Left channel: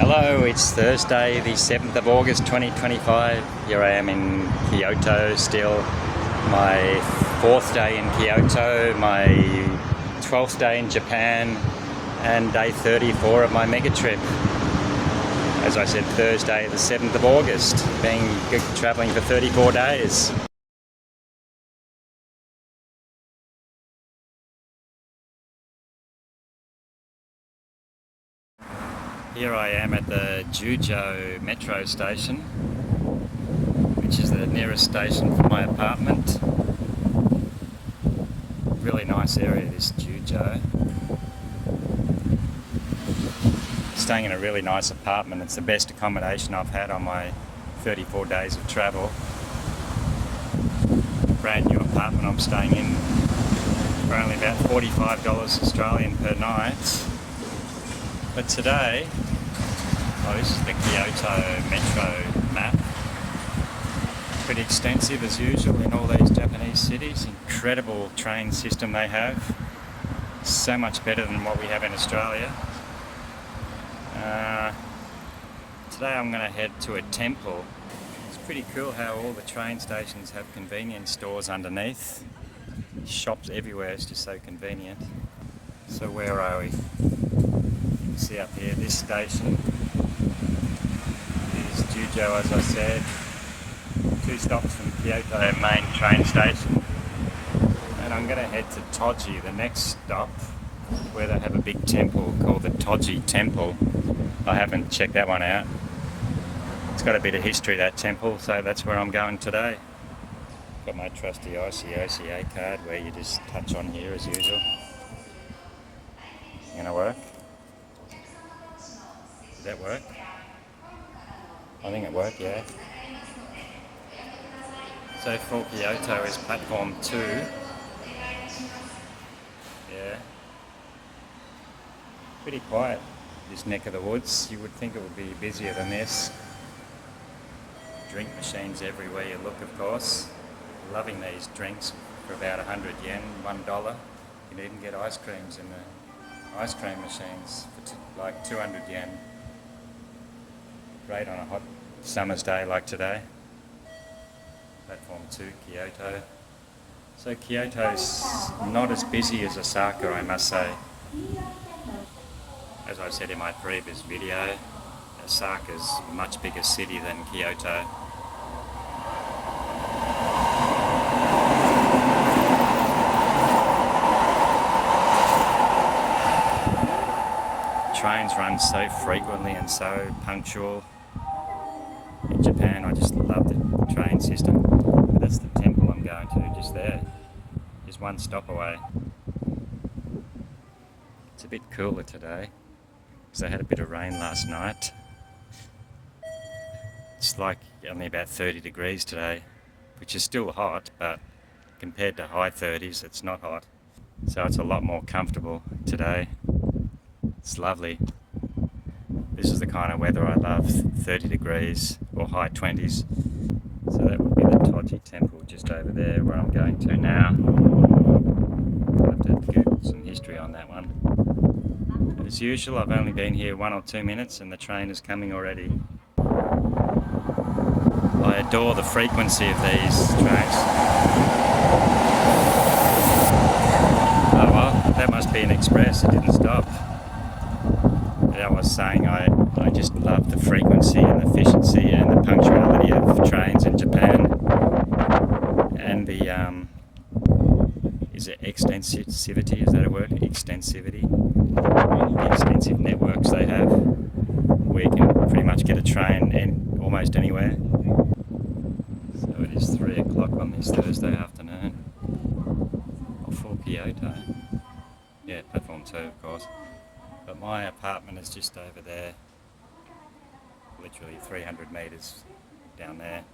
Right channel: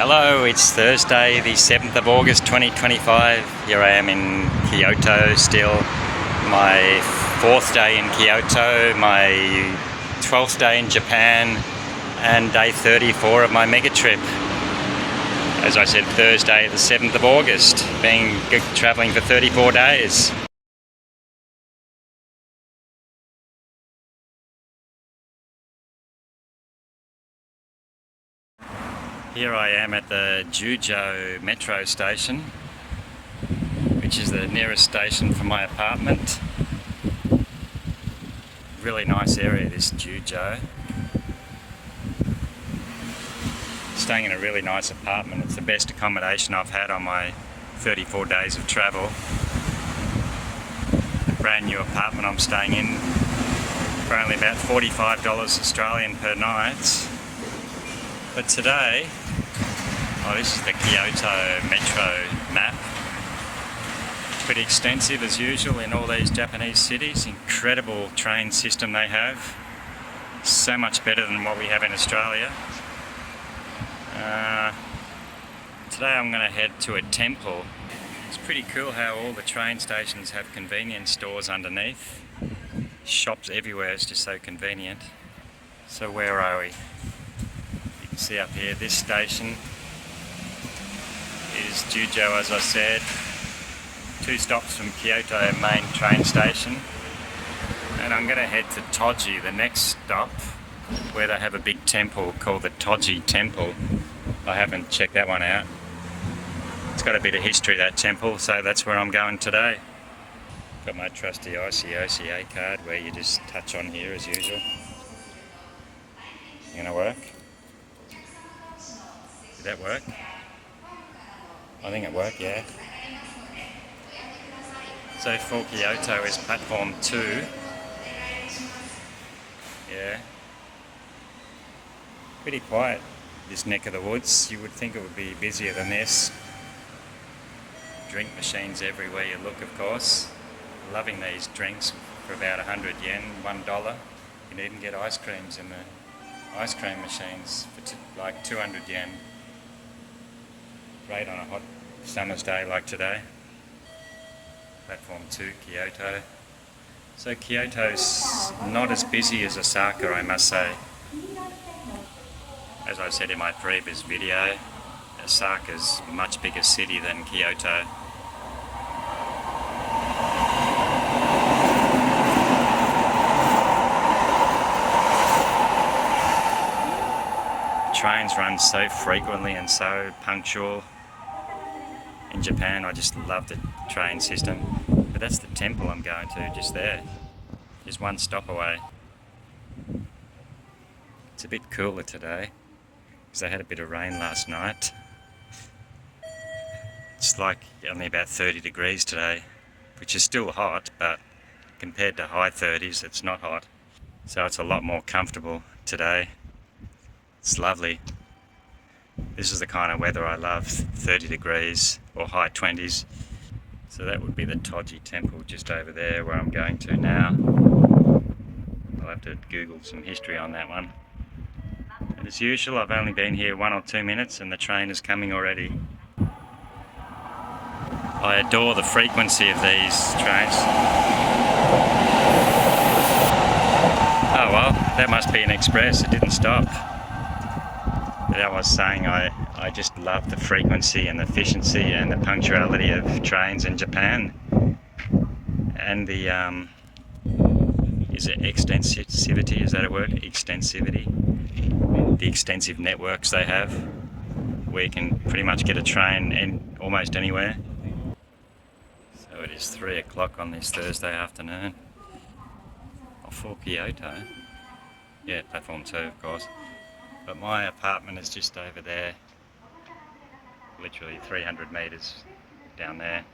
Hello, it's Thursday, the 7th of August 2025. Here I am in Kyoto still. My 4th day in Kyoto, my 12th day in Japan, and day 34 of my Megatrip. As I said, Thursday, the 7th of August, travelling for 34 days. Here I am at the Jujo metro station, which is the nearest station from my apartment. Really nice area, this Jujo. Staying in a really nice apartment. It's the best accommodation I've had on my 34 days of travel. A brand new apartment I'm staying in for only about $45 Australian per night. But today, this is the Kyoto metro map. Pretty extensive as usual in all these Japanese cities. Incredible train system they have. So much better than what we have in Australia. Today I'm going to head to a temple. It's pretty cool how all the train stations have convenience stores underneath. Shops everywhere, it's just so convenient. So where are we? You can see up here, this station is Jujo, as I said. 2 stops from Kyoto main train station. And I'm going to head to Toji, the next stop, where they have a big temple called the Toji temple. I haven't checked that one out. It's got a bit of history, that temple, so that's where I'm going today. Got my trusty ICOCA card where you just touch on here as usual. Gonna work? Did that work? I think it worked, yeah. So for Kyoto is platform 2. Yeah. Pretty quiet, this neck of the woods. You would think it would be busier than this. Drink machines everywhere you look, of course. Loving these drinks for about 100 yen, $1. You can even get ice creams in the ice cream machines for like 200 yen. Great on a hot summer's day like today. Platform 2, Kyoto. So Kyoto's not as busy as Osaka, I must say. As I said in my previous video, Osaka's a much bigger city than Kyoto. Trains run so frequently and so punctual. In Japan, I just love the train system. But that's the temple I'm going to, just there. Just 1 stop away. It's a bit cooler today, because I had a bit of rain last night. It's like only about 30 degrees today, which is still hot, but compared to high 30s, it's not hot. So it's a lot more comfortable today. It's lovely. This is the kind of weather I love, 30 degrees or high 20s. So that would be the Toji temple just over there where I'm going to now. I'll have to Google some history on that one. And as usual, I've only been here 1 or 2 minutes and the train is coming already. I adore the frequency of these trains. Oh well, that must be an express, it didn't stop. But I was saying, I just love the frequency and the efficiency and the punctuality of trains in Japan. And the, is it extensivity, is that a word? Extensivity? The extensive networks they have, where you can pretty much get a train in almost anywhere. So it is 3 o'clock on this Thursday afternoon. Or for Kyoto. Yeah, platform 2 of course. But my apartment is just over there, literally 300 metres down there.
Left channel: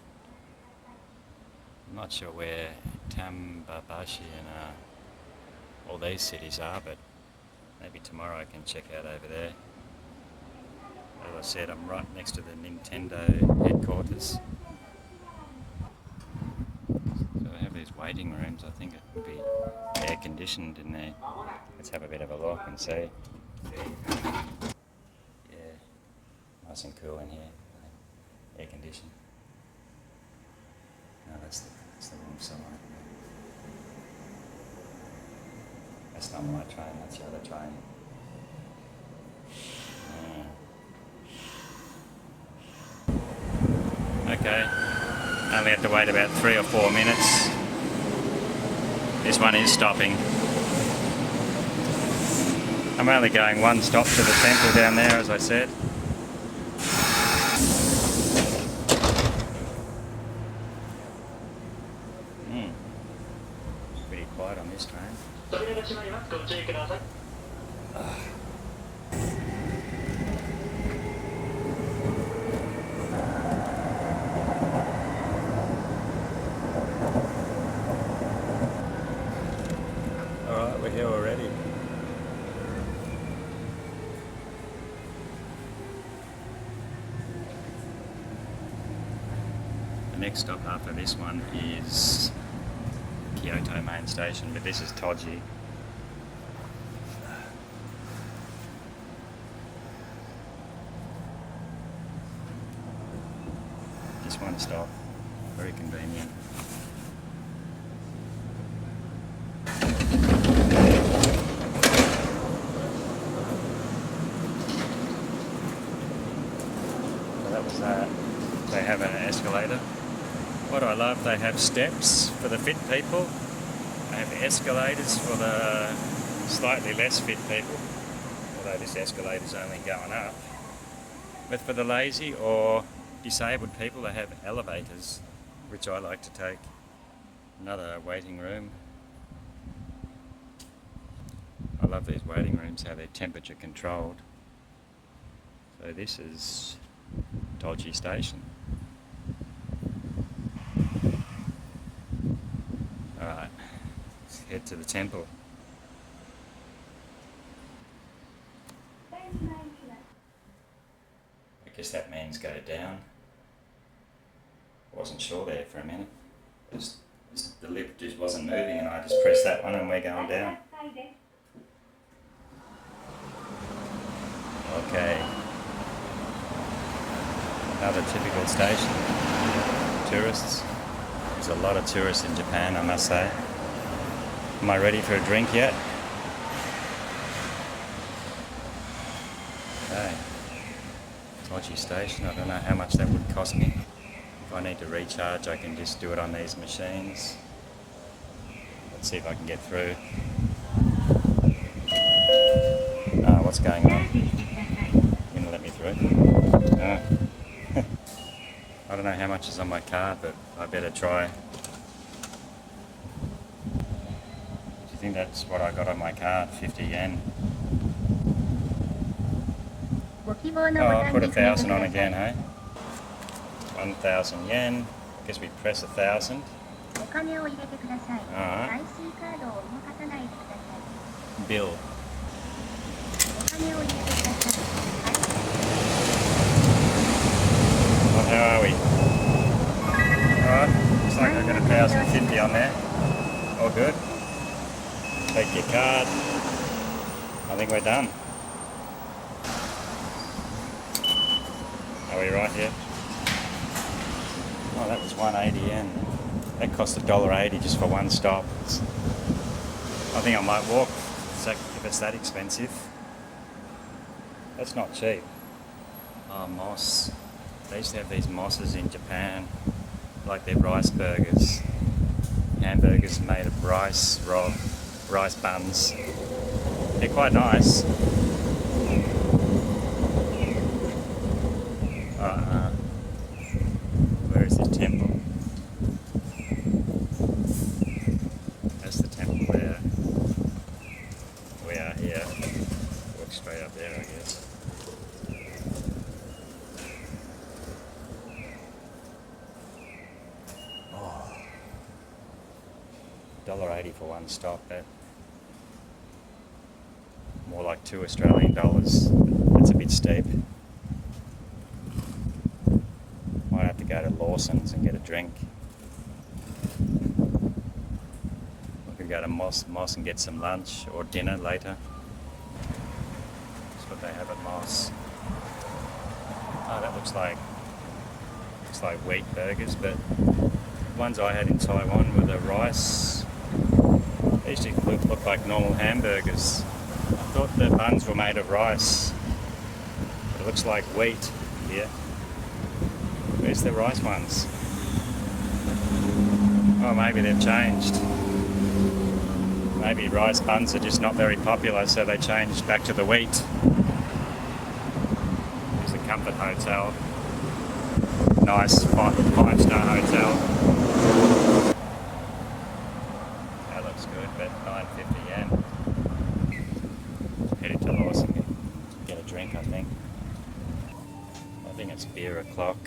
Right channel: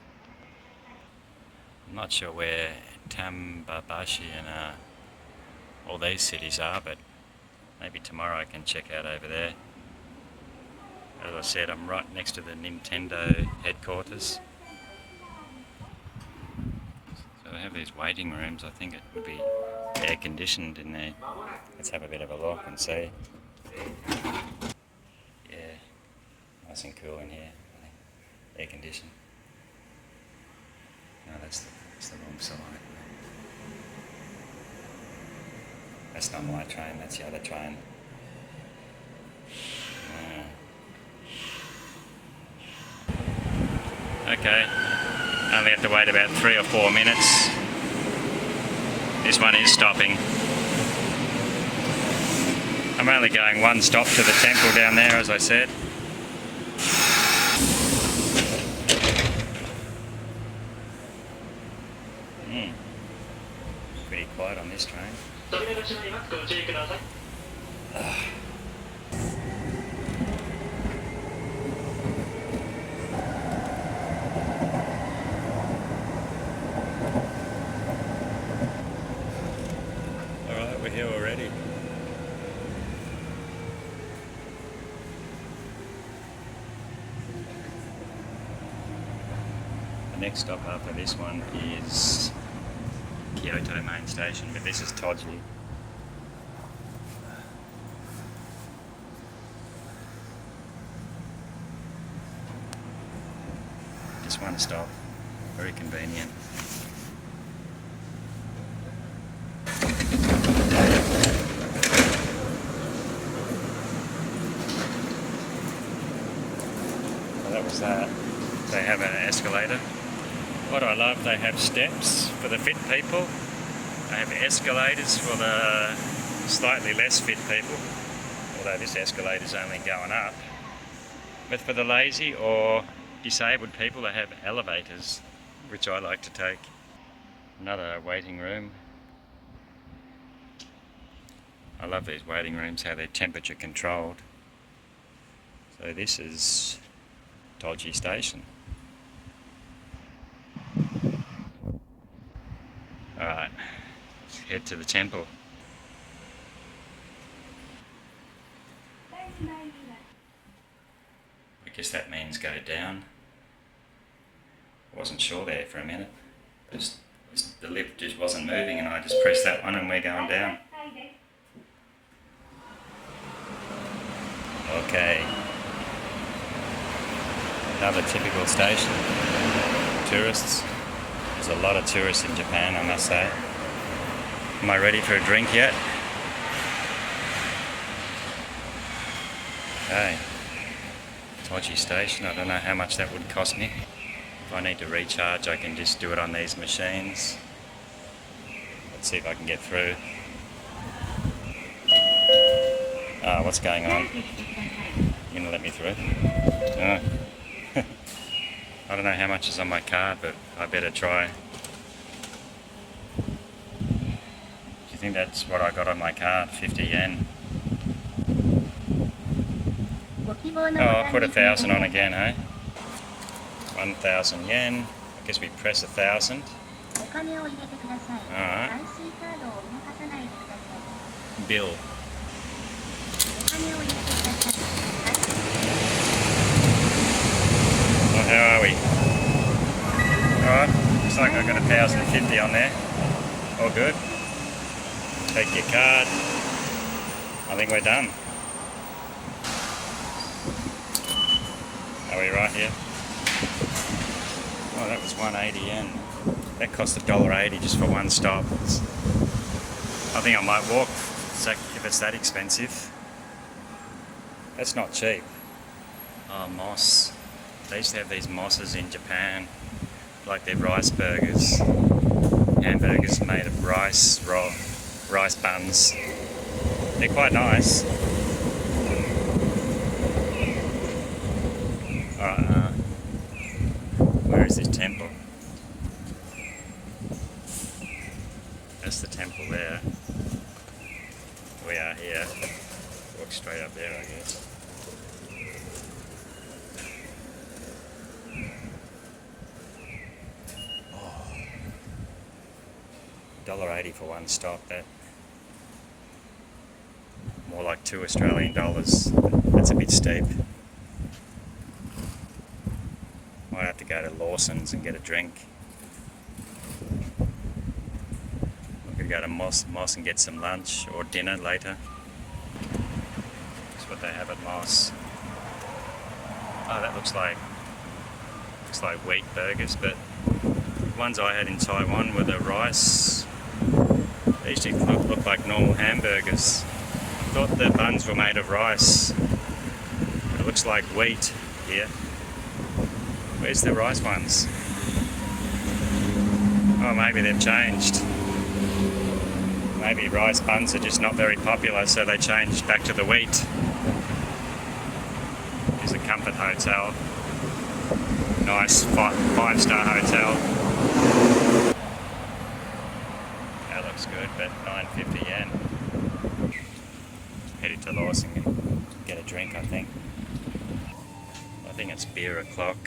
I'm not sure where Tambabashi and all these cities are, but maybe tomorrow I can check out over there. As I said, I'm right next to the Nintendo headquarters. So I have these waiting rooms. I think it would be air conditioned in there. Let's have a bit of a look and see. Yeah, Nice and cool in here, I think. Air conditioned. No, that's the wrong side. That's not my train, that's the other train. Okay, only have to wait about 3 or 4 minutes. This one is stopping. I'm only going one stop to the temple down there, as I said. Pretty quiet on this train. Alright, we're here already. The next stop after this one is Kyoto main station, but this is Toji. Just one stop, very convenient. So that was that. They have an escalator. What I love, they have steps for the fit people. They have escalators for the slightly less fit people, although this escalator's only going up. But for the lazy or disabled people, they have elevators, which I like to take. Another waiting room. I love these waiting rooms, how they're temperature controlled. So this is Toji Station. Alright, let's head to the temple. I guess that means go down. I wasn't sure there for a minute. The lift just wasn't moving and I just pressed that one and we're going down. Okay. Another typical station. Tourists. There's a lot of tourists in Japan, I must say. Am I ready for a drink yet? Okay. Toji Station, I don't know how much that would cost me. If I need to recharge, I can just do it on these machines. Let's see if I can get through. What's going on? You gonna let me through? I don't know how much is on my card, but I better try. Do you think that's what I got on my card? 50 yen. Oh, I'll put 1,000 on again, hey? 1,000 yen. I guess we press 1,000. Alright. Bill. Well, how are we? Alright, looks like I've got 1,050 on there. All good. Take your card. I think we're done. Are we right here? Oh, that was 180 yen. That cost $1.80 just for one stop. I think I might walk if it's that expensive. That's not cheap. Oh, moss. They used to have these mosses in Japan, like their rice burgers. Hamburgers made of rice, raw rice buns. They're quite nice. Alright, where is this temple? That's the temple there. We are here. Walk straight up there, I guess. $1.80 for one stop. That more like $2 Australian. That's a bit steep. Might have to go to Lawson's and get a drink. I could go to Moss and get some lunch or dinner later. That's what they have at Moss. Oh, that looks like wheat burgers, but the ones I had in Taiwan were the rice. They usually look like normal hamburgers. I thought the buns were made of rice, but it looks like wheat here. Where's the rice ones? Oh, maybe they've changed. Maybe rice buns are just not very popular, so they changed back to the wheat. Here's a Comfort Hotel. Nice five-star hotel. That looks good, but 950 yen. Headed to Lawson and get a drink, I think. I think it's beer o'clock.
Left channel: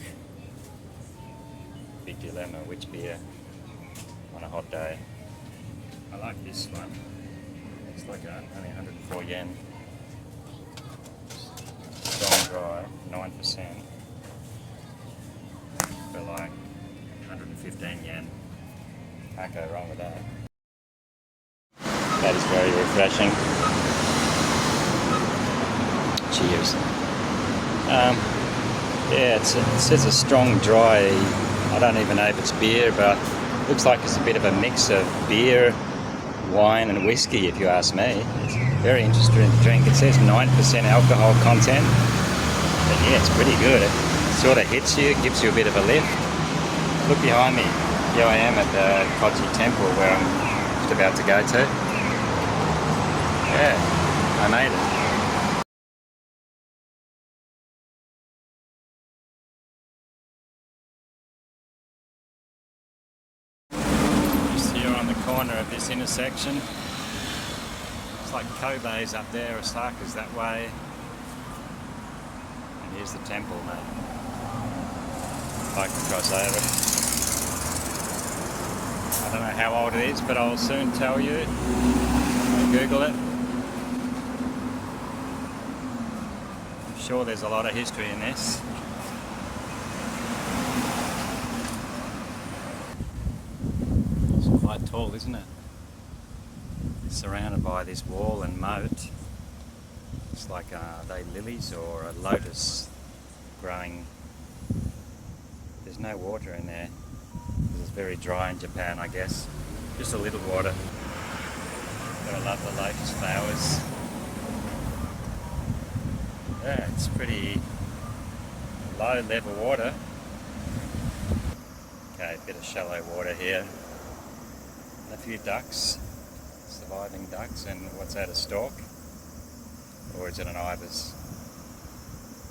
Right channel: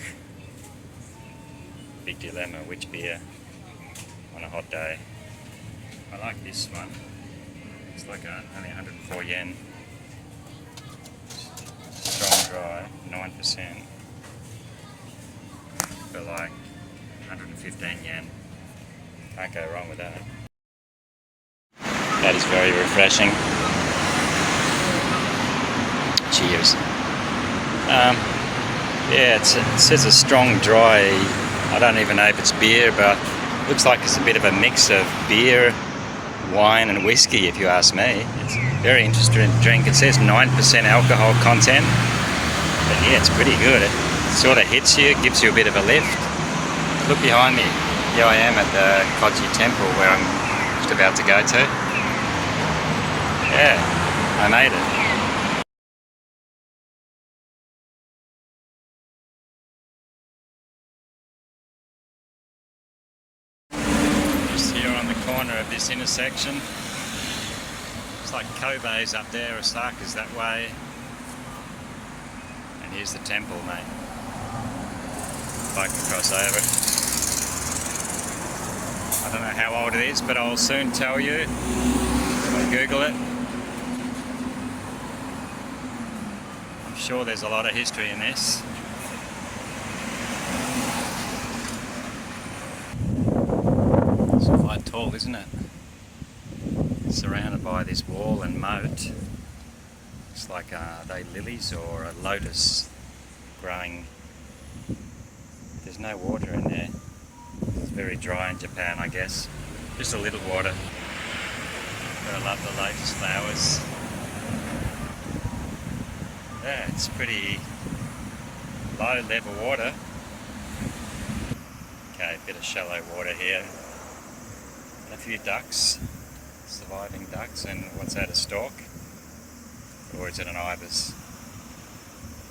Big dilemma, which beer on a hot day. I like this one. It's like only 104 yen. Strong dry, 9%. For like 115 yen. Can't go wrong with that. That is very refreshing. Cheers. Yeah, it says a strong dry. I don't even know if it's beer, but looks like it's a bit of a mix of beer, wine and whiskey, if you ask me. It's a very interesting drink. It says 9% alcohol content, but yeah, it's pretty good. It sort of hits you, gives you a bit of a lift. Look behind me. Here I am at the Toji temple where I'm just about to go to. Yeah, I made it. Just here on the corner of this intersection. It's like Kobe's up there, Osaka's that way. And here's the temple, mate. If I can cross over. I don't know how old it is, but I'll soon tell you. I'll Google it. I'm sure there's a lot of history in this. It's quite tall, isn't it? It's surrounded by this wall and moat. It's like, are they lilies or a lotus growing? There's no water in there. It's very dry in Japan, I guess. Just a little water. But I love the lotus flowers. Yeah, it's pretty low level water. Okay, a bit of shallow water here. A few ducks, surviving ducks, and what's that, a stork? Or is it an ibis?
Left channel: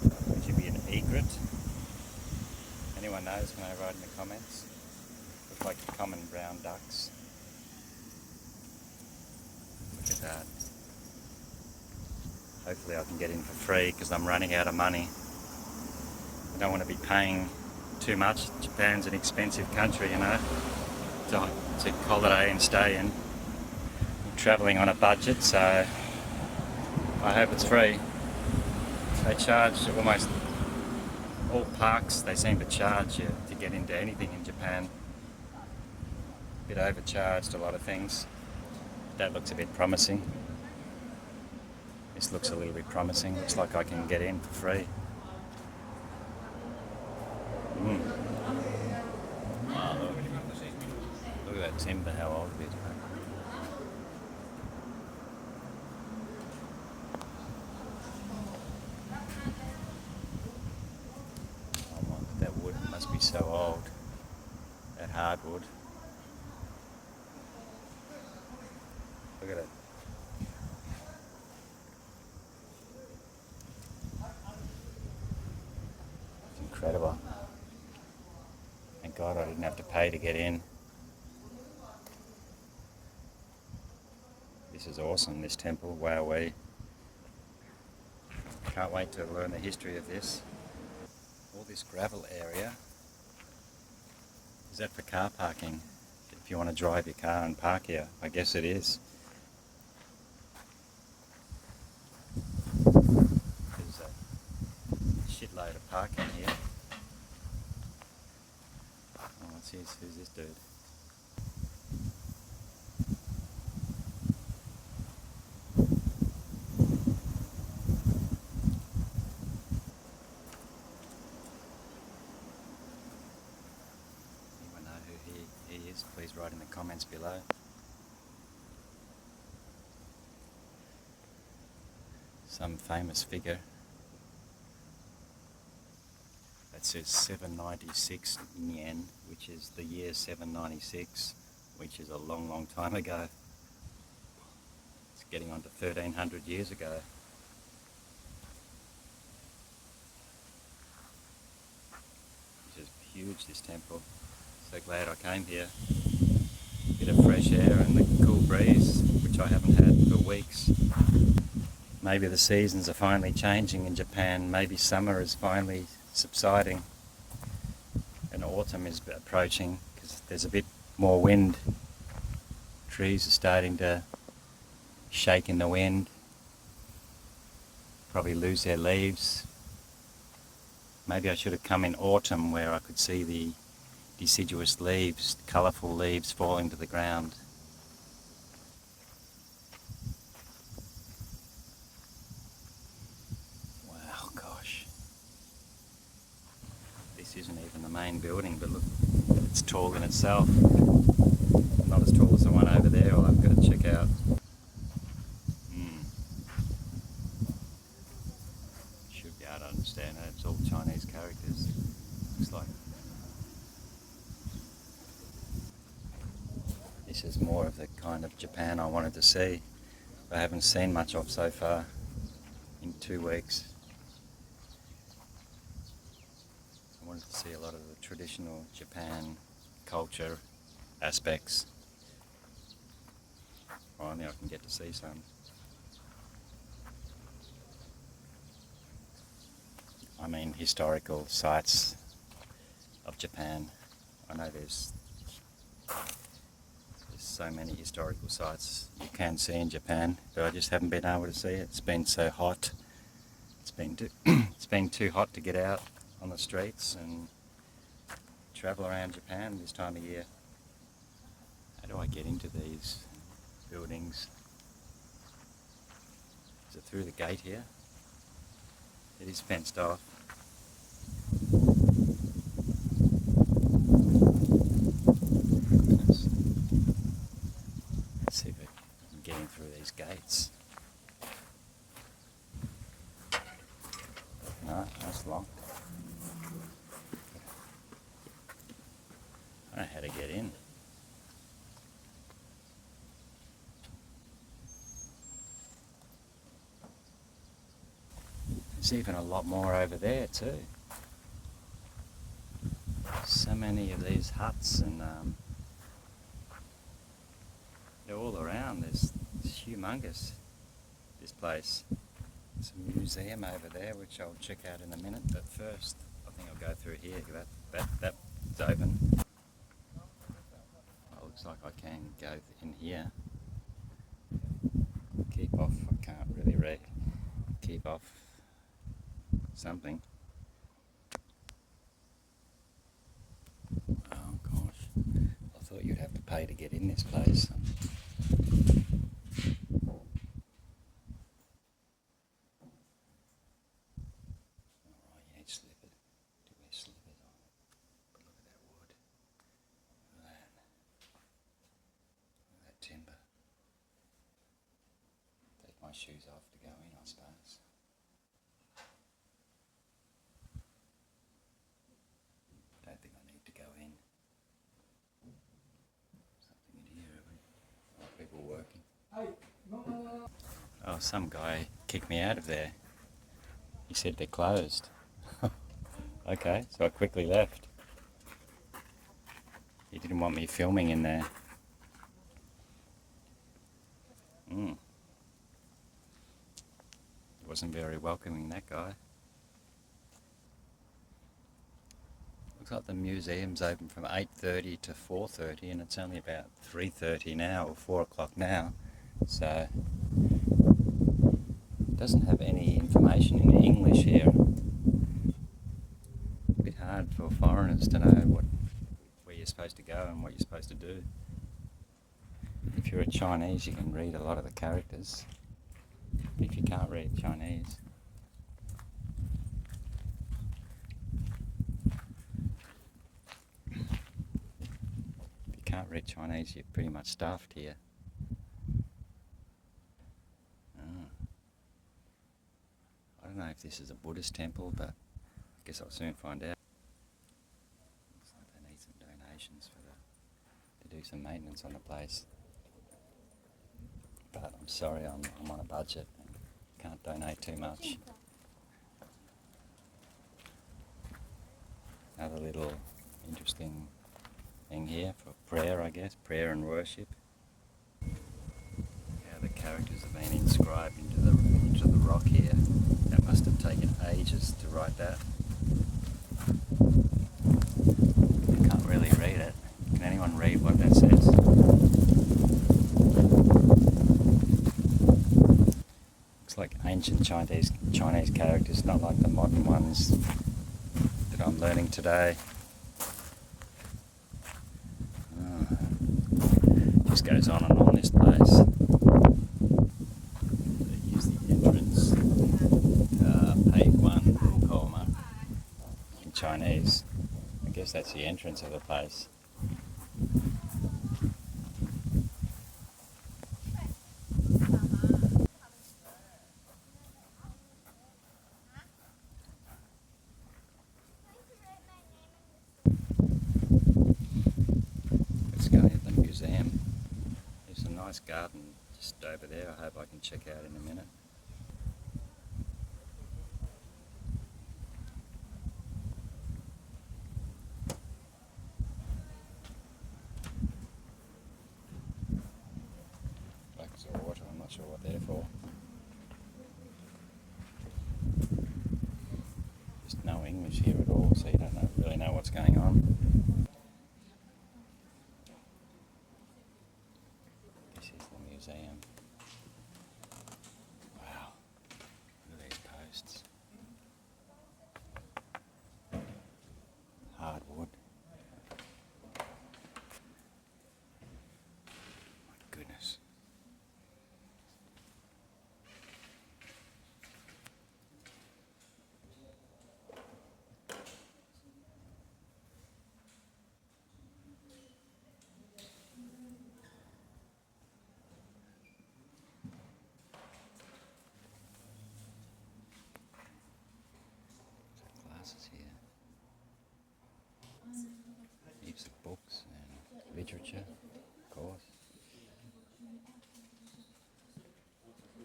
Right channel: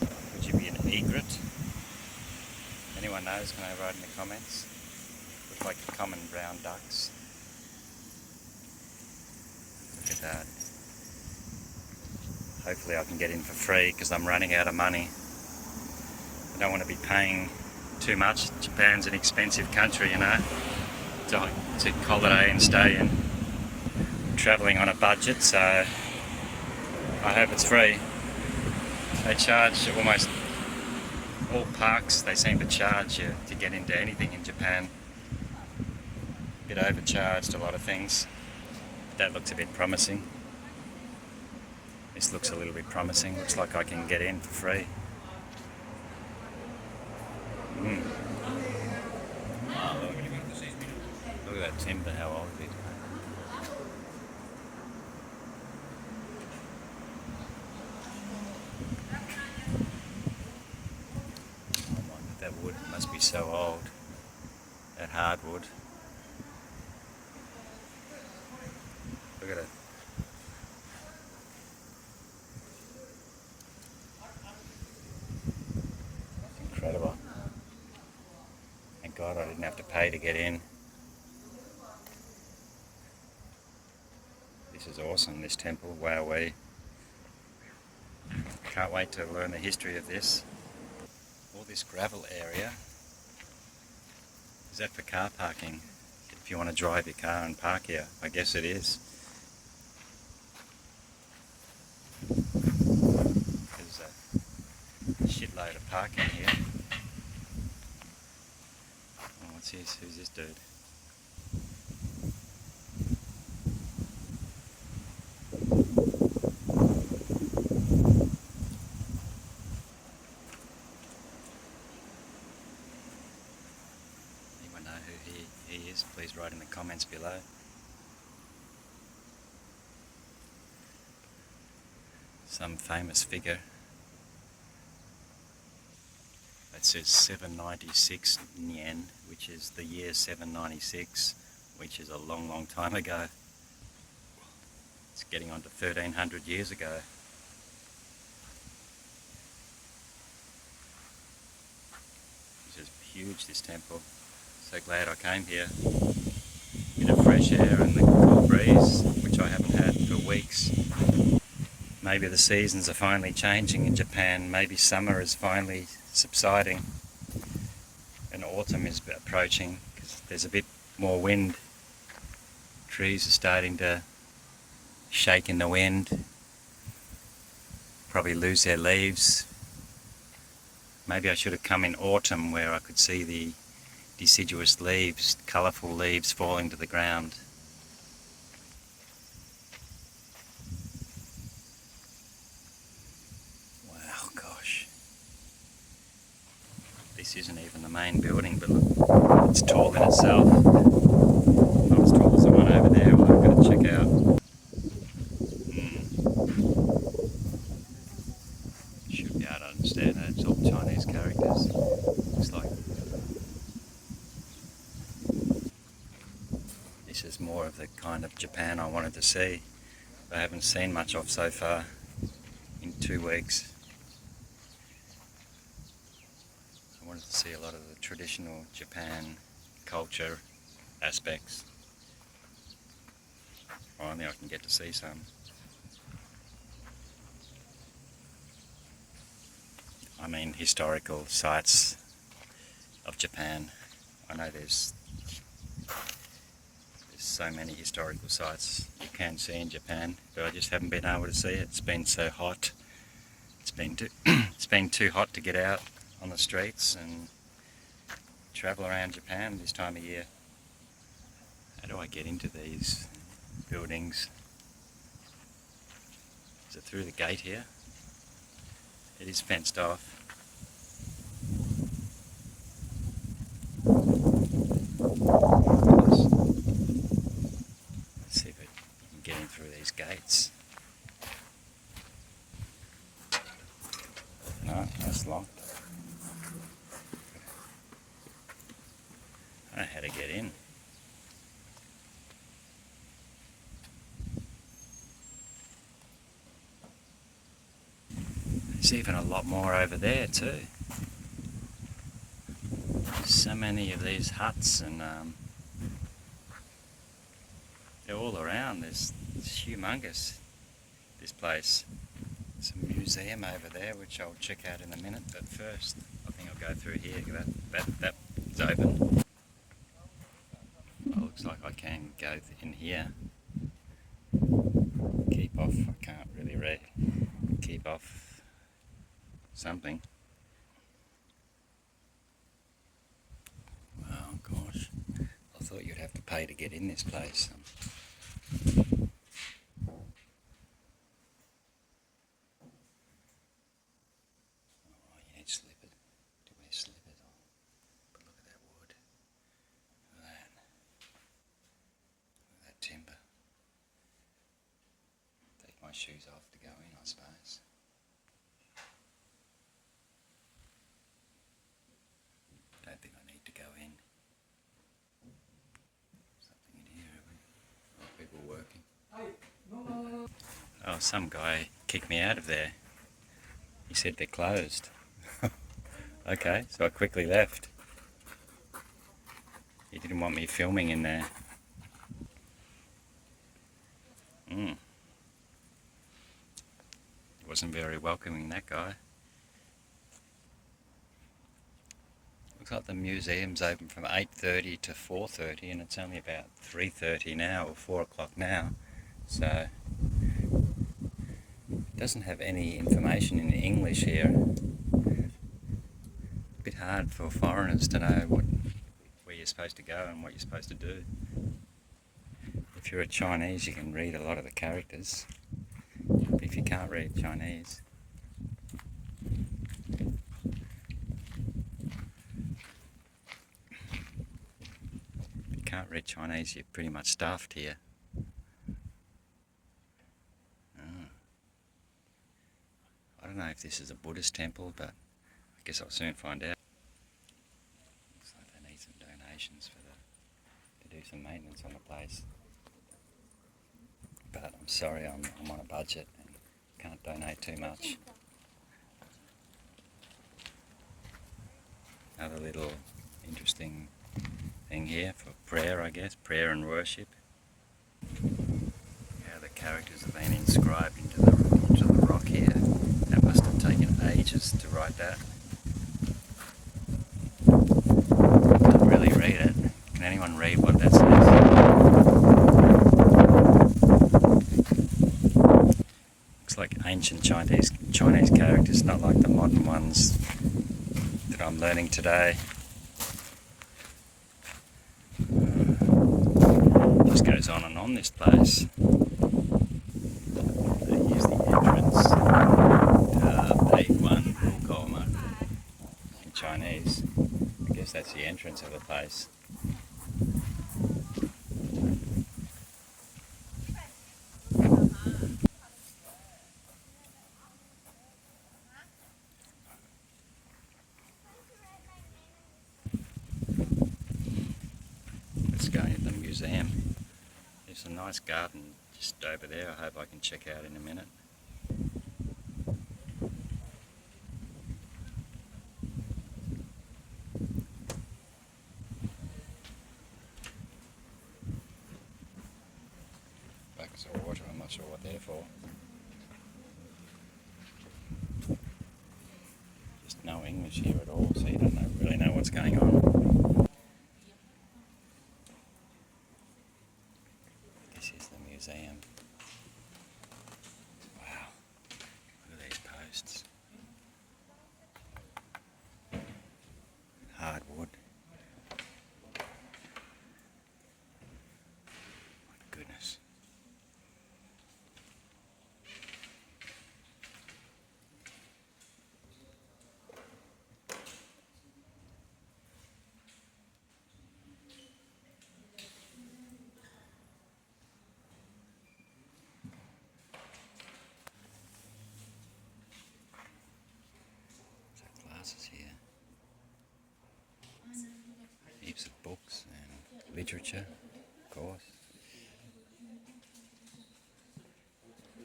Would you be an egret? Anyone knows, can they write in the comments? Look like common brown ducks. Look at that. Hopefully I can get in for free because I'm running out of money. I don't want to be paying too much. Japan's an expensive country, you know, to holiday and stay in. I'm travelling on a budget, so I hope it's free. They charge almost all parks, they seem to charge you to get into anything in Japan. A bit overcharged, a lot of things. That looks a bit promising. This looks a little bit promising. Looks like I can get in for free. Oh, look at that timber, how old it is. Oh my, that wood must be so old. That hardwood. Look at it. It's incredible. Thank God I didn't have to pay to get in. This is awesome, this temple. Wowee. Can't wait to learn the history of this. All this gravel area. Is that for car parking? If you want to drive your car and park here, I guess it is. There's a shitload of parking here. Oh, what's this? Who's this dude? he is, please write in the comments below. Some famous figure. That says 796 yen, which is the year 796, which is a long, long time ago. It's getting on to 1300 years ago. This is huge, this temple. So glad I came here. Bit of fresh air and the cool breeze, which I haven't had for weeks. Maybe the seasons are finally changing in Japan. Maybe summer is finally subsiding and autumn is approaching because there's a bit more wind. Trees are starting to shake in the wind, probably lose their leaves. Maybe I should have come in autumn where I could see the deciduous leaves, colourful leaves falling to the ground. Wow, gosh. This isn't even the main building, but look, it's tall in itself. Not as tall as the one over there, I've got to check out. Should be able to understand that. It's all Chinese characters. Looks like. This is more of the kind of Japan I wanted to see. I haven't seen much of so far in 2 weeks. I wanted to see a lot of the traditional Japan culture aspects. Finally I can get to see some. I mean historical sites of Japan. I know there's so many historical sites you can see in Japan, but I just haven't been able to see it. It's been so hot. It's been too hot to get out on the streets and travel around Japan this time of year. How do I get into these buildings? Is it through the gate here? It is fenced off. Let's see if I can get in through these gates. No, that's locked. I don't know how to get in. There's even a lot more over there too. So many of these huts, and they're all around. It's humongous, this place. There's a museum over there which I'll check out in a minute, but first I think I'll go through here. That's open. Oh, looks like I can go in here. Keep off, I can't really read. Keep off something. Oh gosh, I thought you'd have to pay to get in this place. My shoes off to go in, I suppose. Don't think I need to go in. Something in here, are people working? Oh, some guy kicked me out of there. He said they're closed. Okay, so I quickly left. He didn't want me filming in there. Wasn't very welcoming, that guy. Looks like the museum's open from 8:30 to 4:30 and it's only about 3:30 now, or 4 o'clock now, so it doesn't have any information in English here. A bit hard for foreigners to know where you're supposed to go and what you're supposed to do. If you're a Chinese you can read a lot of the characters. If you can't read Chinese, the can't read Chinese, you're pretty much stuffed here. Oh. I don't know if this is a Buddhist temple, but I guess I'll soon find out. Looks like they need some donations to do some maintenance on the place. But I'm sorry, I'm on a budget and can't donate too much. Another little interesting thing here for prayer, I guess, prayer and worship. How the characters have been inscribed into the rock here. That must have taken ages to write that. I can't really read it. Can anyone read what that says? Looks like ancient Chinese characters, not like the modern ones that I'm learning today. Just goes on and on, this place. They use the entrance to A1 Rukoma in Chinese. I guess that's the entrance of the place. Let's go into the museum. There's a nice garden just over there. I hope I can check out in a minute. Buckets of water, I'm not sure what they're for. Just no English here at all, so you don't really know what's going on. This is the museum. Wow, look at these posts. Hardwood. My goodness. Classes here. Heaps of books and literature, of course.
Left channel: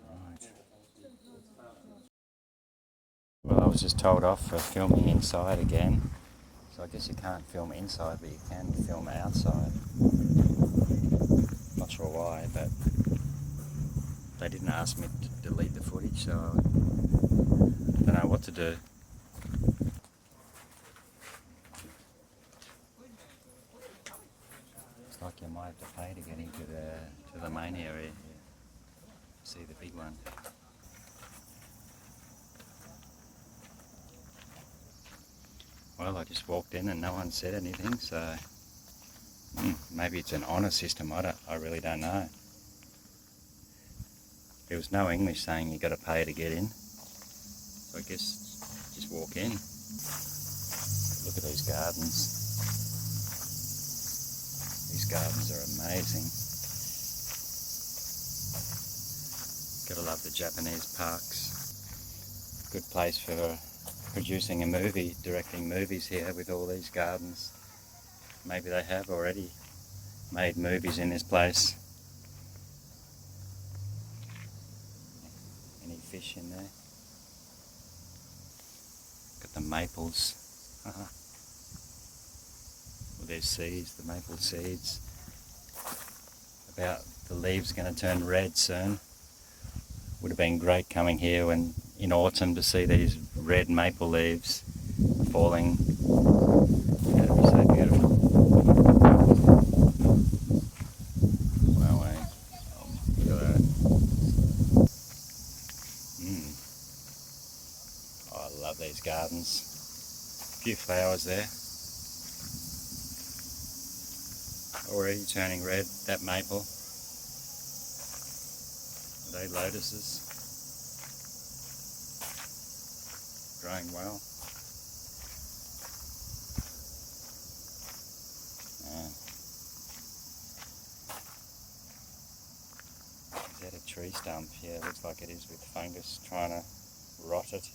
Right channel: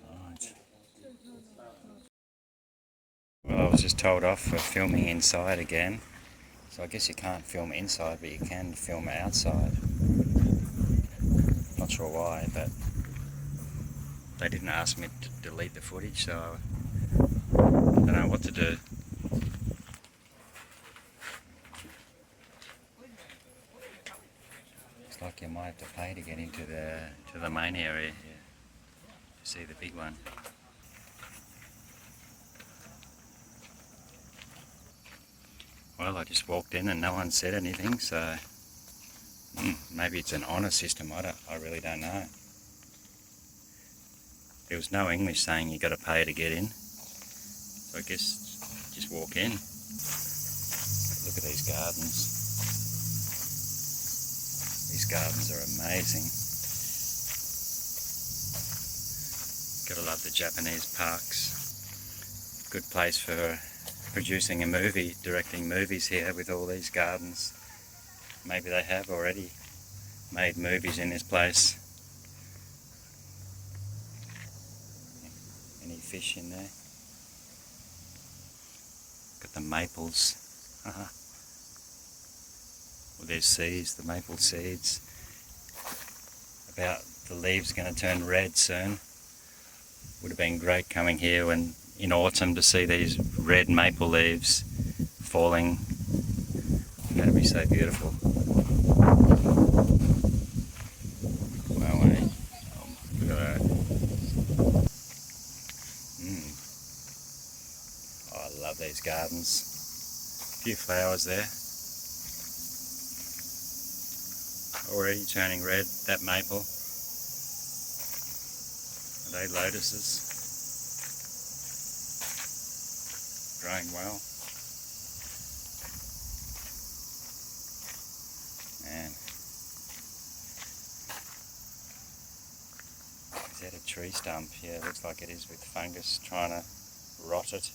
Right. Well, I was just told off for filming inside again. So I guess you can't film inside, but you can film outside. Not sure why, but they didn't ask me to delete the footage, so I don't know what to do. Looks like you might have to pay to get into the main area here to see the big one. Well, I just walked in and no one said anything, so maybe it's an honour system. I really don't know. There was no English saying you got to pay to get in, so I guess just walk in. Look at these gardens. These gardens are amazing. Gotta love the Japanese parks. Good place for producing a movie, directing movies here with all these gardens. Maybe they have already made movies in this place. Any fish in there? Got the maples. Well, there's seeds, the maple seeds. About the leaves are going to turn red soon. Would have been great coming here when in autumn to see these red maple leaves falling. That'd be so beautiful. Wow, eh? Look at that. Oh, I love these gardens. A few flowers there. Already turning red, that maple. Are they lotuses? Growing well. Man, tree stump. Yeah, it looks like it is, with fungus trying to rot it,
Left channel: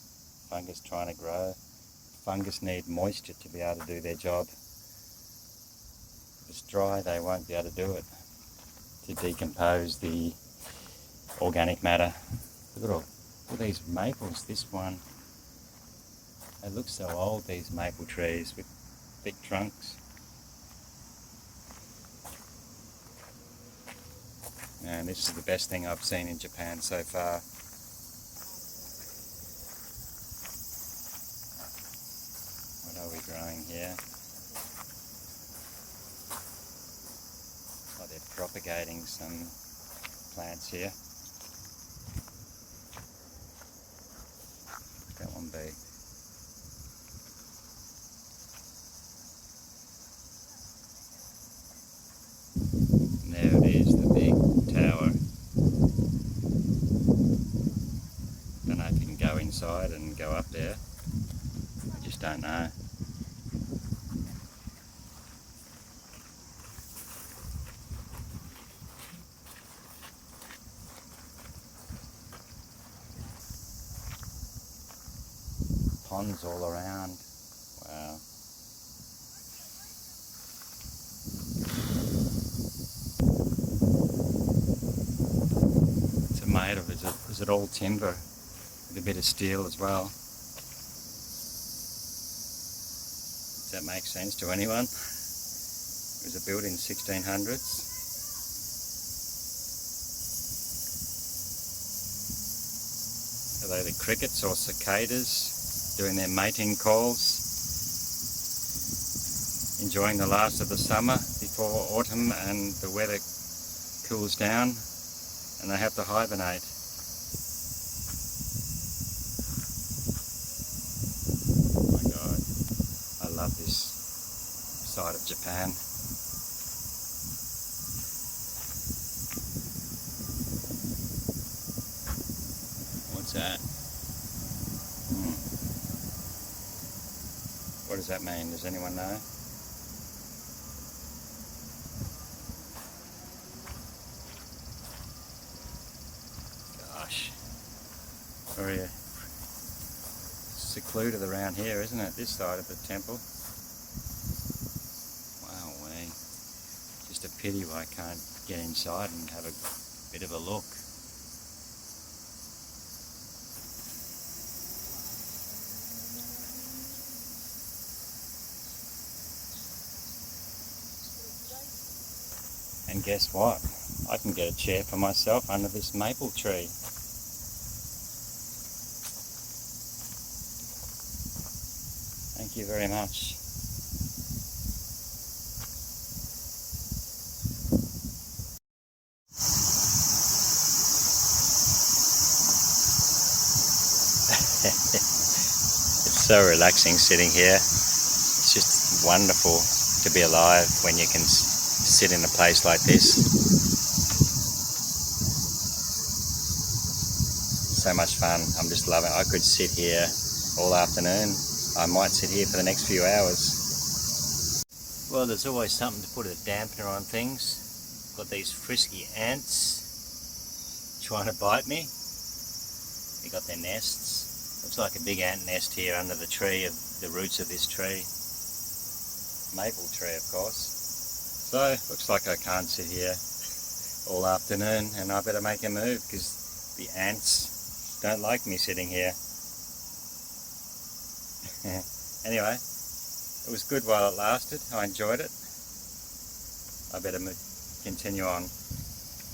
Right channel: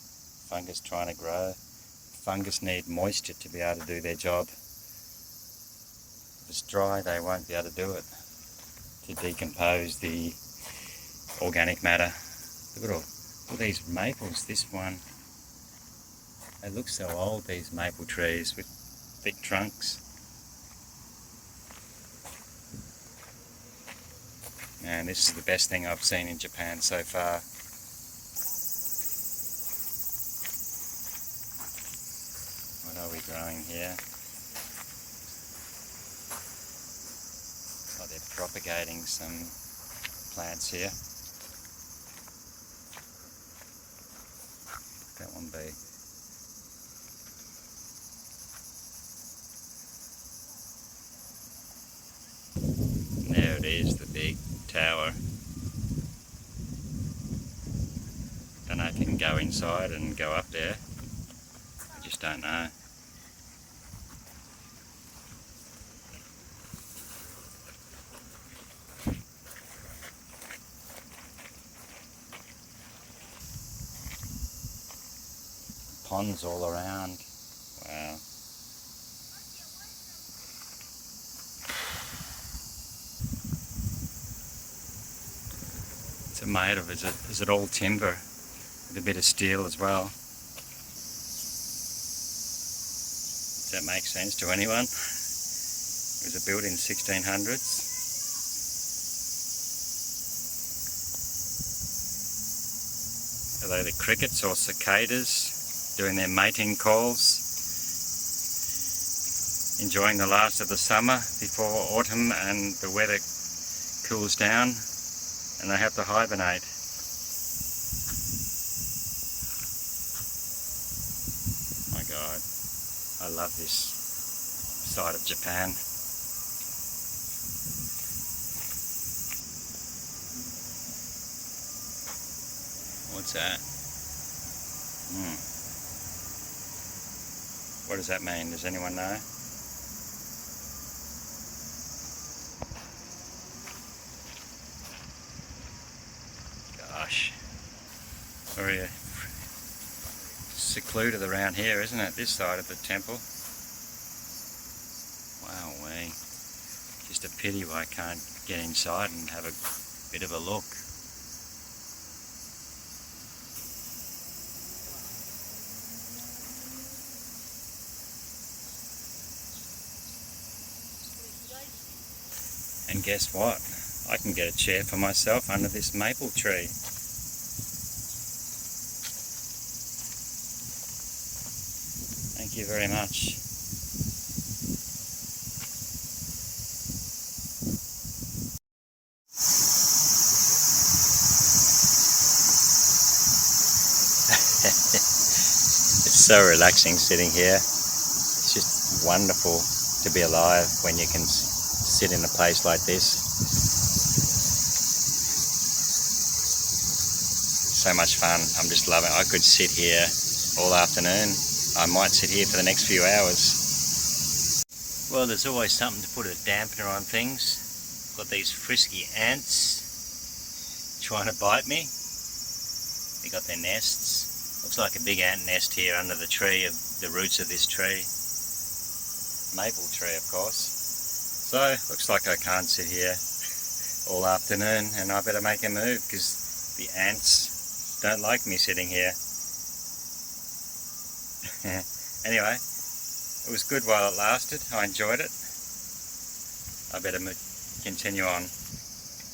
fungus trying to grow. Fungus need moisture to be able to do their job. If it's dry, they won't be able to do it, to decompose the organic matter. Look at all these maples. This one, they look so old, these maple trees with thick trunks. And this is the best thing I've seen in Japan so far. What are we growing here? Oh, they're propagating some plants here. Look at that one be. There it is, the big tower. Don't know if you can go inside and go up there. I just don't know. Ponds all around. Wow. It's made of, is it all timber with a bit of steel as well? Does that make sense to anyone? It was built in 1600s. Are they the crickets or cicadas doing their mating calls? Enjoying the last of the summer before autumn and the weather cools down and they have to hibernate. Oh my God, I love this side of Japan. What's that? What does that mean? Does anyone know? Gosh, very secluded around here, isn't it? This side of the temple. Wowee. Just a pity I can't get inside and have a bit of a look. And guess what? I can get a chair for myself under this maple tree. Thank you very much. It's so relaxing sitting here. It's just wonderful to be alive when you can sit in a place like this. So much fun. I'm just loving it. I could sit here all afternoon. I might sit here for the next few hours. Well, there's always something to put a dampener on things. Got these frisky ants trying to bite me. They got their nests. Looks like a big ant nest here under the tree, of the roots of this tree. Maple tree, of course. So, looks like I can't sit here all afternoon and I better make a move because the ants don't like me sitting here. Anyway, it was good while it lasted. I enjoyed it. I better continue on.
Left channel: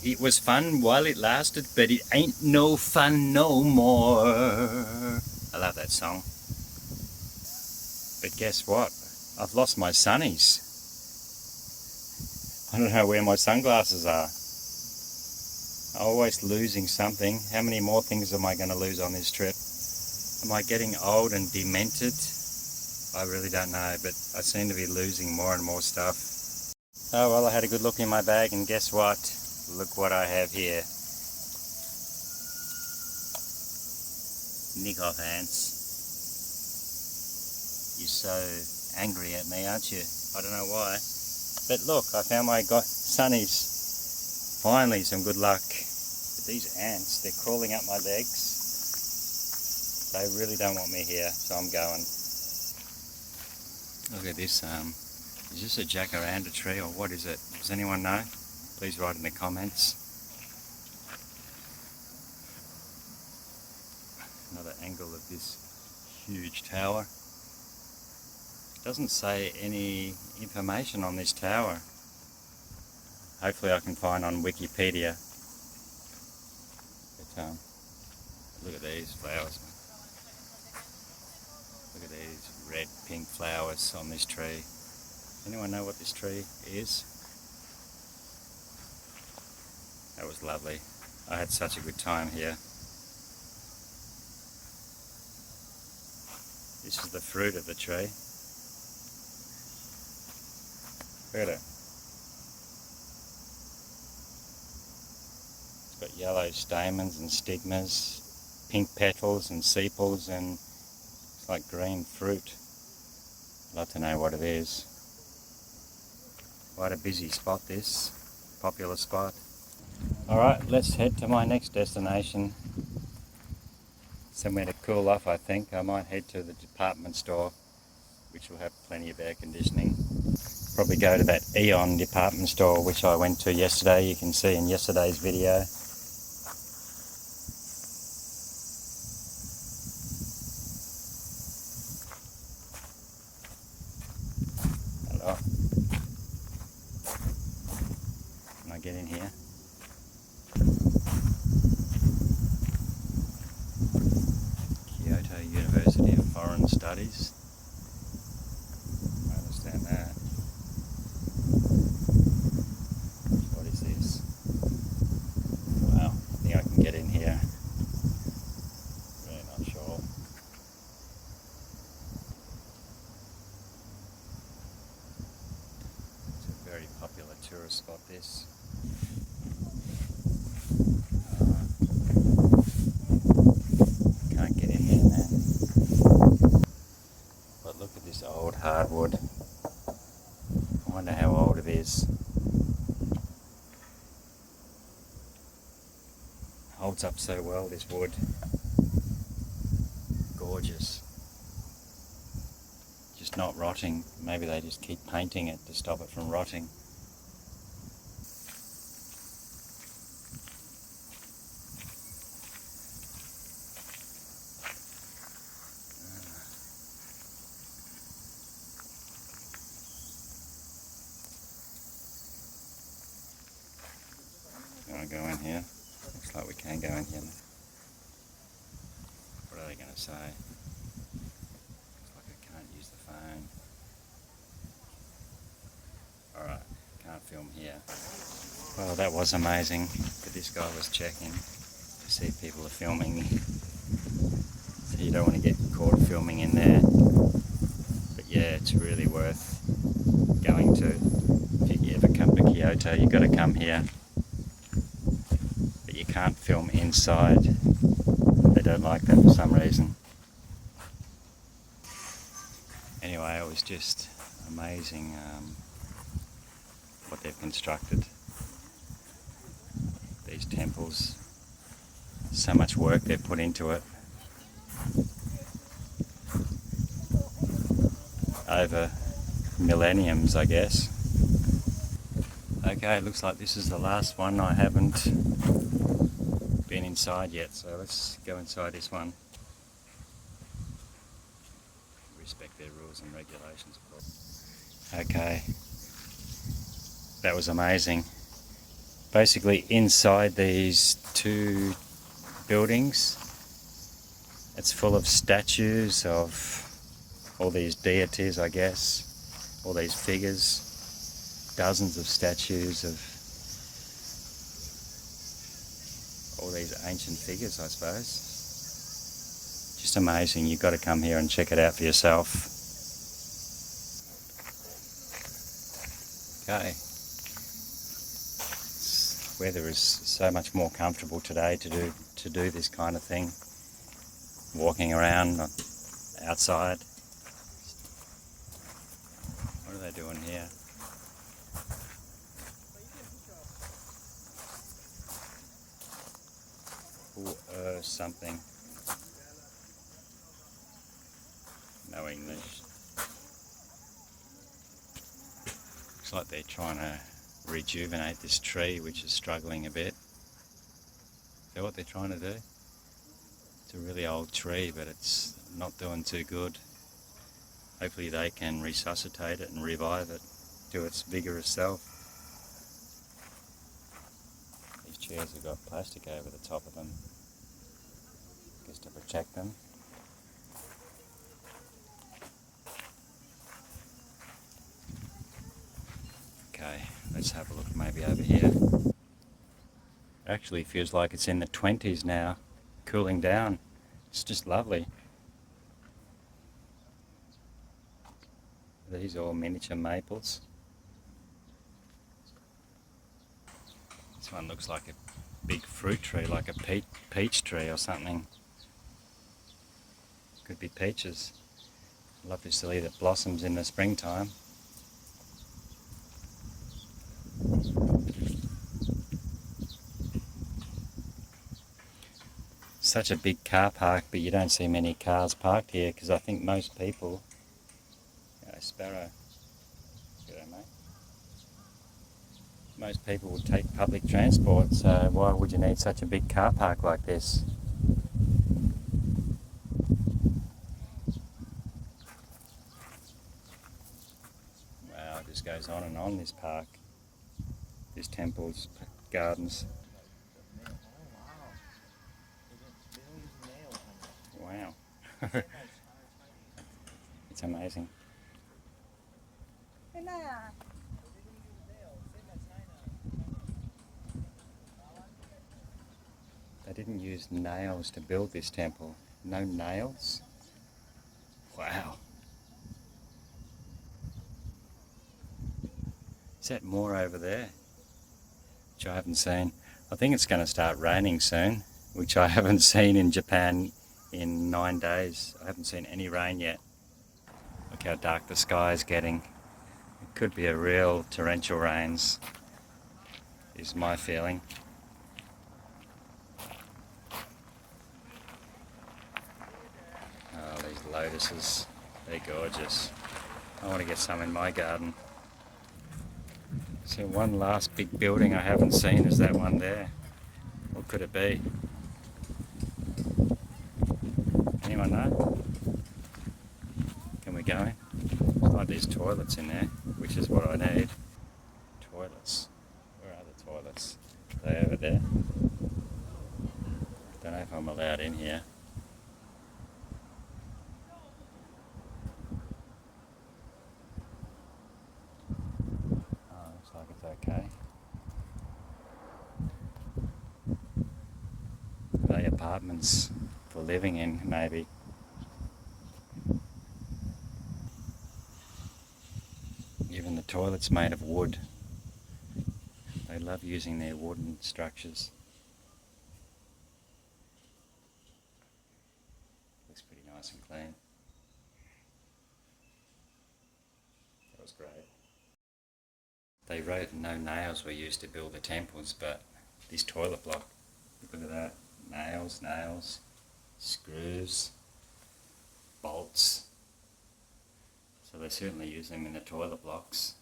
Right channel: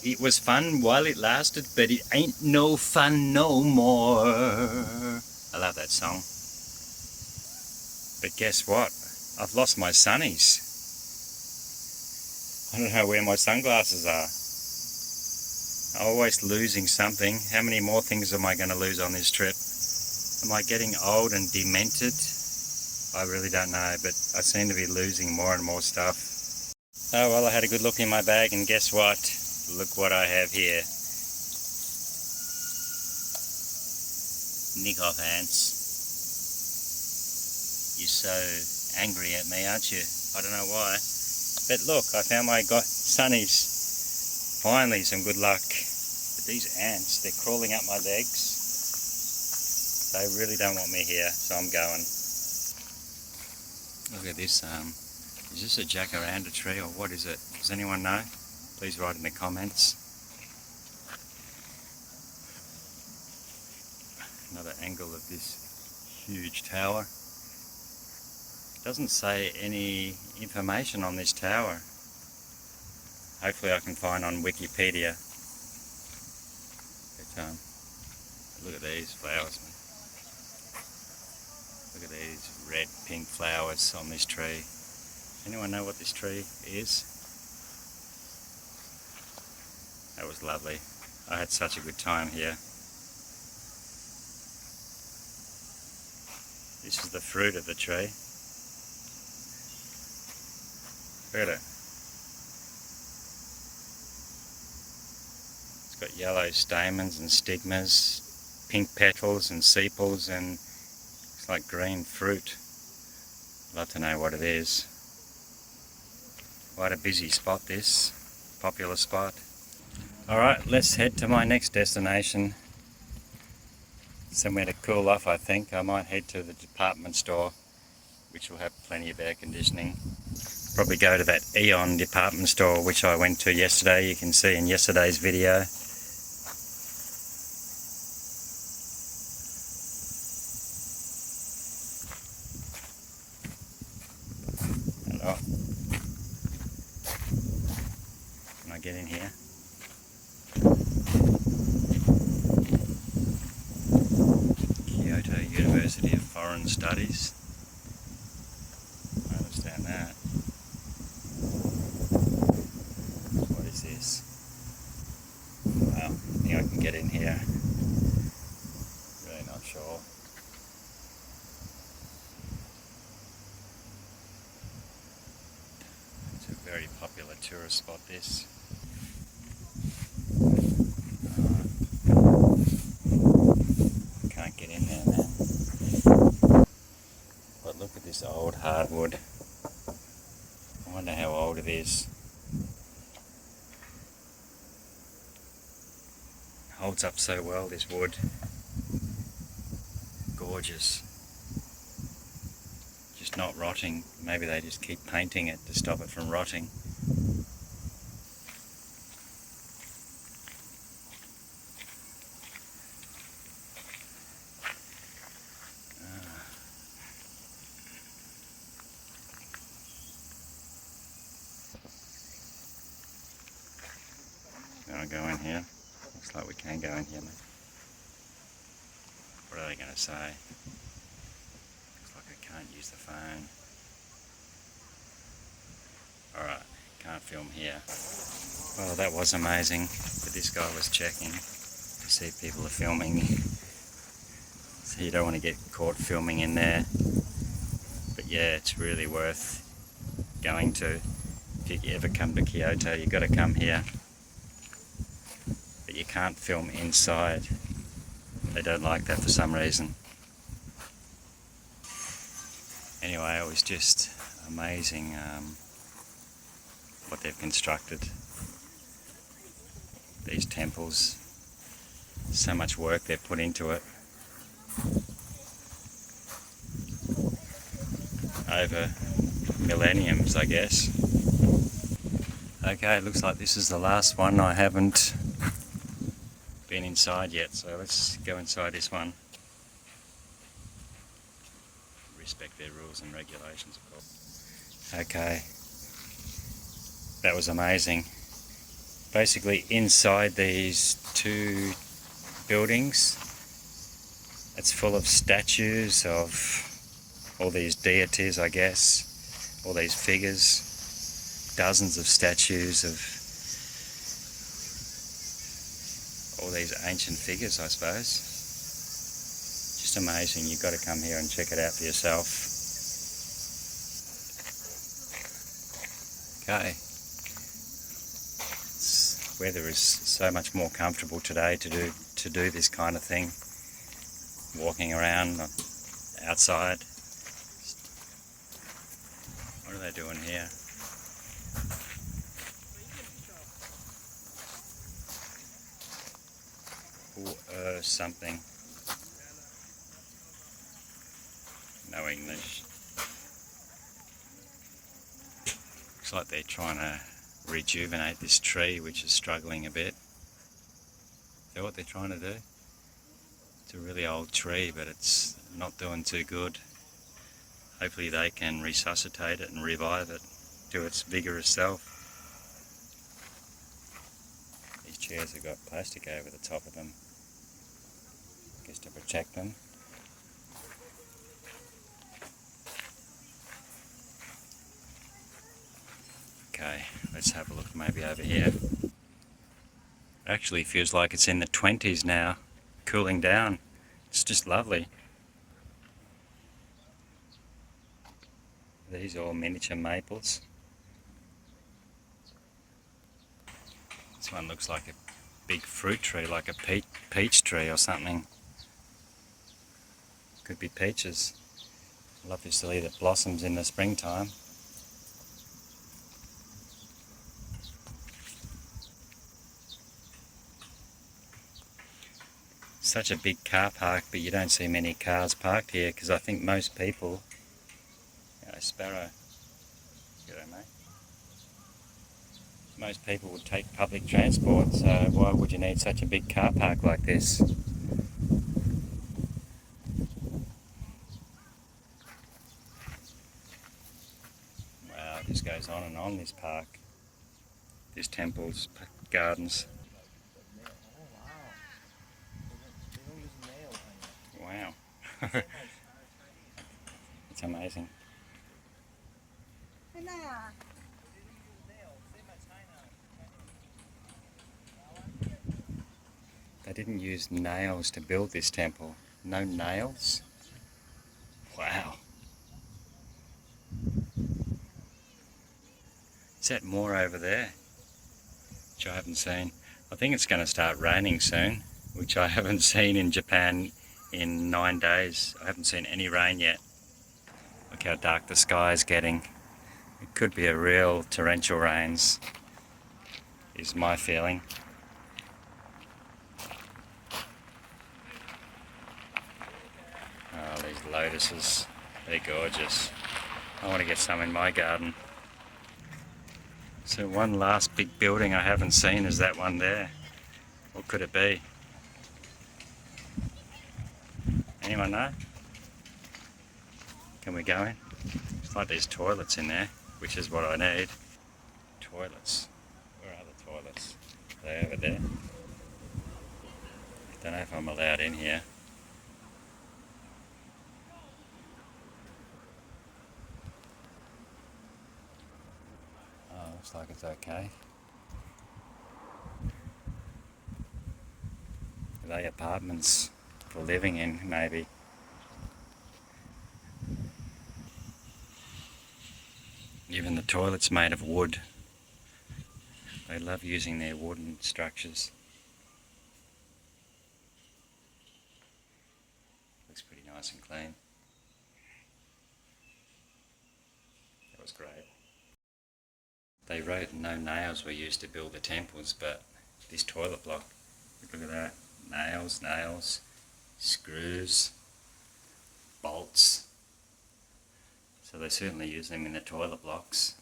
It was fun while it lasted, but it ain't no fun no more. I love that song. But guess what? I've lost my sunnies. I don't know where my sunglasses are. I'm always losing something. How many more things am I going to lose on this trip? Am I getting old and demented? I really don't know, but I seem to be losing more and more stuff. Oh well, I had a good look in my bag and guess what? Look what I have here. Nick off, ants. You're so angry at me, aren't you? I don't know why. But look, I found my sunnies. Finally, some good luck. The These ants, they're crawling up my legs. They really don't want me here, so I'm going. Look at this, is this a jacaranda tree or what is it? Does anyone know? Please write in the comments. Another angle of this huge tower. Doesn't say any information on this tower. Hopefully I can find on Wikipedia. But, look at these flowers, man. Look at these red, pink flowers on this tree. Anyone know what this tree is? That was lovely. I had such a good time here. This is the fruit of the tree. Look at it. It's got yellow stamens and stigmas, pink petals and sepals, and it's like green fruit. I'd love to know what it is. Quite a busy spot this, popular spot. Alright, let's head to my next destination. Somewhere to cool off, I think. I might head to the department store, which will have plenty of air conditioning. Probably go to that Eon department store, which I went to yesterday. You can see in yesterday's video. Hello. Can I get in here? Kyoto University of Foreign Studies. I understand that. What is this? Wow, I think I can get in here. Really not sure. It's a very popular tourist spot, this. Can't get in there now. But look at this old hardwood. I wonder how old it is. Holds up so well, this wood. Gorgeous. Just not rotting. Maybe they just keep painting it to stop it from rotting. Gonna go in here. Looks like we can go in here. What are they going to say? Looks like I can't use the phone. Alright, can't film here. Well, that was amazing that this guy was checking to see if people are filming. So you don't want to get caught filming in there. But yeah, it's really worth going to. If you ever come to Kyoto, you've got to come here. You can't film inside. They don't like that for some reason. Anyway, it was just amazing what they've constructed. These temples, so much work they've put into it. Over millenniums, I guess. Okay, it looks like this is the last one. I haven't been inside yet, so let's go inside this one. Respect their rules and regulations, of course. Okay, that was amazing. Basically inside these two buildings, it's full of statues of all these deities, I guess, all these figures, dozens of statues of all these ancient figures, I suppose. Just amazing. You've got to come here and check it out for yourself. Okay. Weather is so much more comfortable today to do this kind of thing. Walking around outside. What are they doing here? something. No English. Looks like they're trying to rejuvenate this tree, which is struggling a bit. Is that what they're trying to do? It's a really old tree, but it's not doing too good. Hopefully they can resuscitate it and revive it to its vigorous self. These chairs have got plastic over the top of them, I guess to protect them. Okay, let's have a look maybe over here. Actually feels like it's in the 20s now, cooling down. It's just lovely. These are all miniature maples. This one looks like a big fruit tree, like a peach tree or something. Could be peaches. Love to see that blossoms in the springtime. Such a big car park, but you don't see many cars parked here because I think most people... Sparrow. G'day, mate. Most people would take public transport, so why would you need such a big car park like this? Wow, it just goes on and on, this park. This temple's gardens. Wow. It's amazing. They didn't use nails to build this temple. No nails? Wow. Is that more over there? Which I haven't seen. I think it's going to start raining soon, which I haven't seen in Japan in 9 days. I haven't seen any rain yet. Look how dark the sky is getting. It could be a real torrential rains, is my feeling. Oh, these lotuses, they're gorgeous. I want to get some in my garden. So one last big building I haven't seen is that one there. What could it be? Anyone know? Can we go in? It's like there's toilets in there, which is what I need. Toilets. Where are the toilets? Are they over there? Don't know if I'm allowed in here. Oh, looks like it's okay. Are they apartments for living in, maybe? Even the toilet's made of wood. They love using their wooden structures. Looks pretty nice and clean. That was great. They wrote no nails were used to build the temples, but this toilet block, look at that. Nails, nails, screws, bolts. So they certainly use them in the toilet blocks.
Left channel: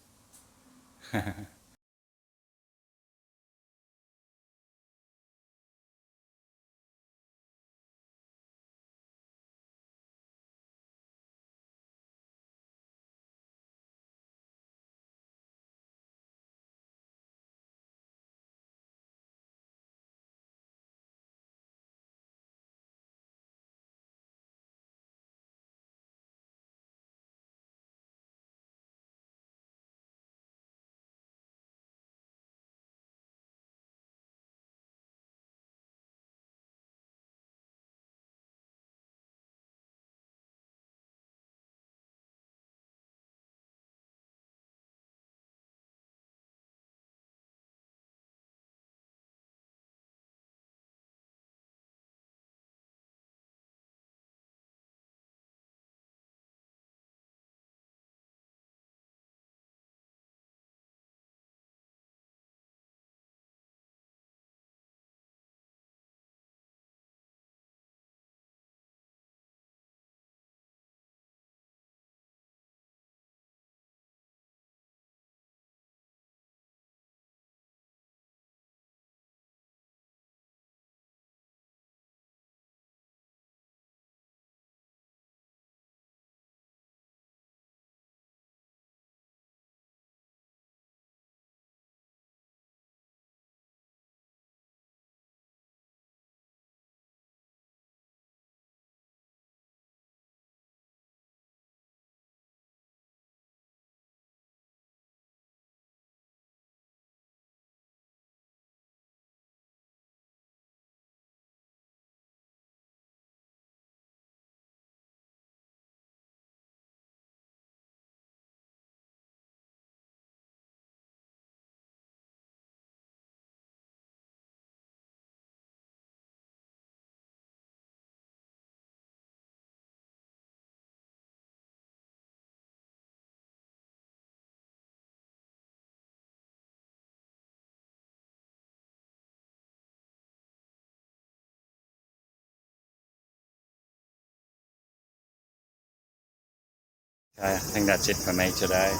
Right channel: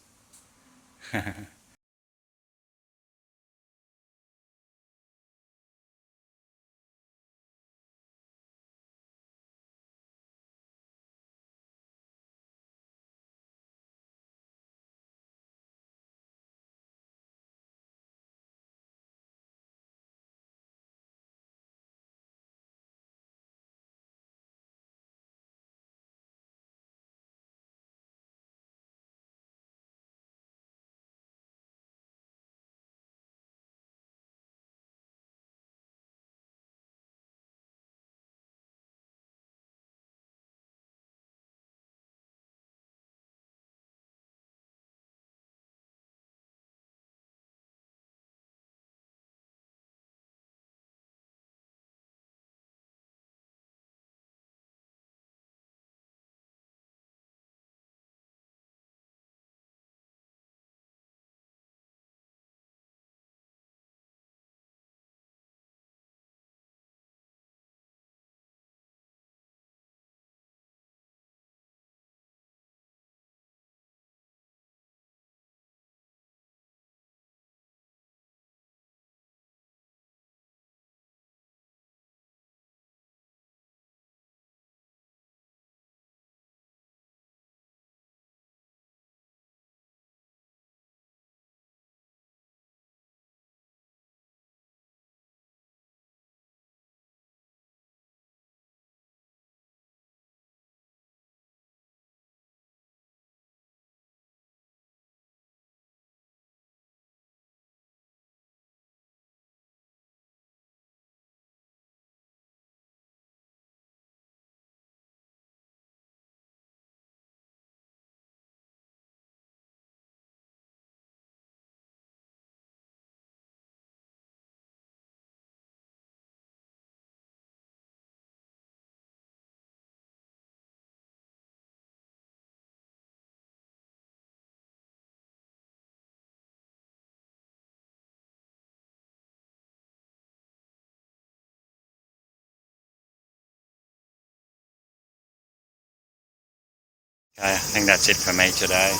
Okay, I think that's it for me today.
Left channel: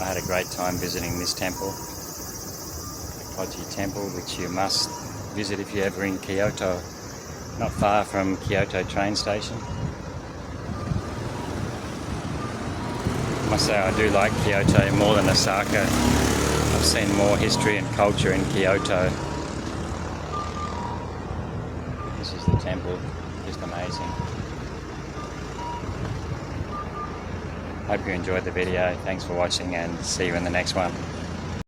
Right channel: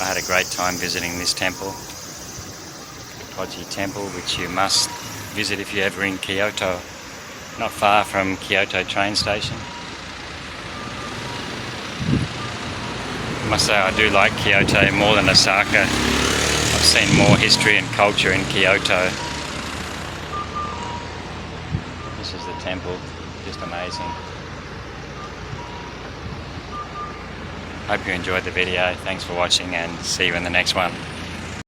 I had a great time visiting this temple, Toji Temple, which you must visit if you're ever in Kyoto, not far from Kyoto train station. I must say I do like Kyoto more than Osaka. I've seen more history and culture in Kyoto. This is the temple, just amazing. Hope you enjoyed the video. Thanks for watching and see you in the next one.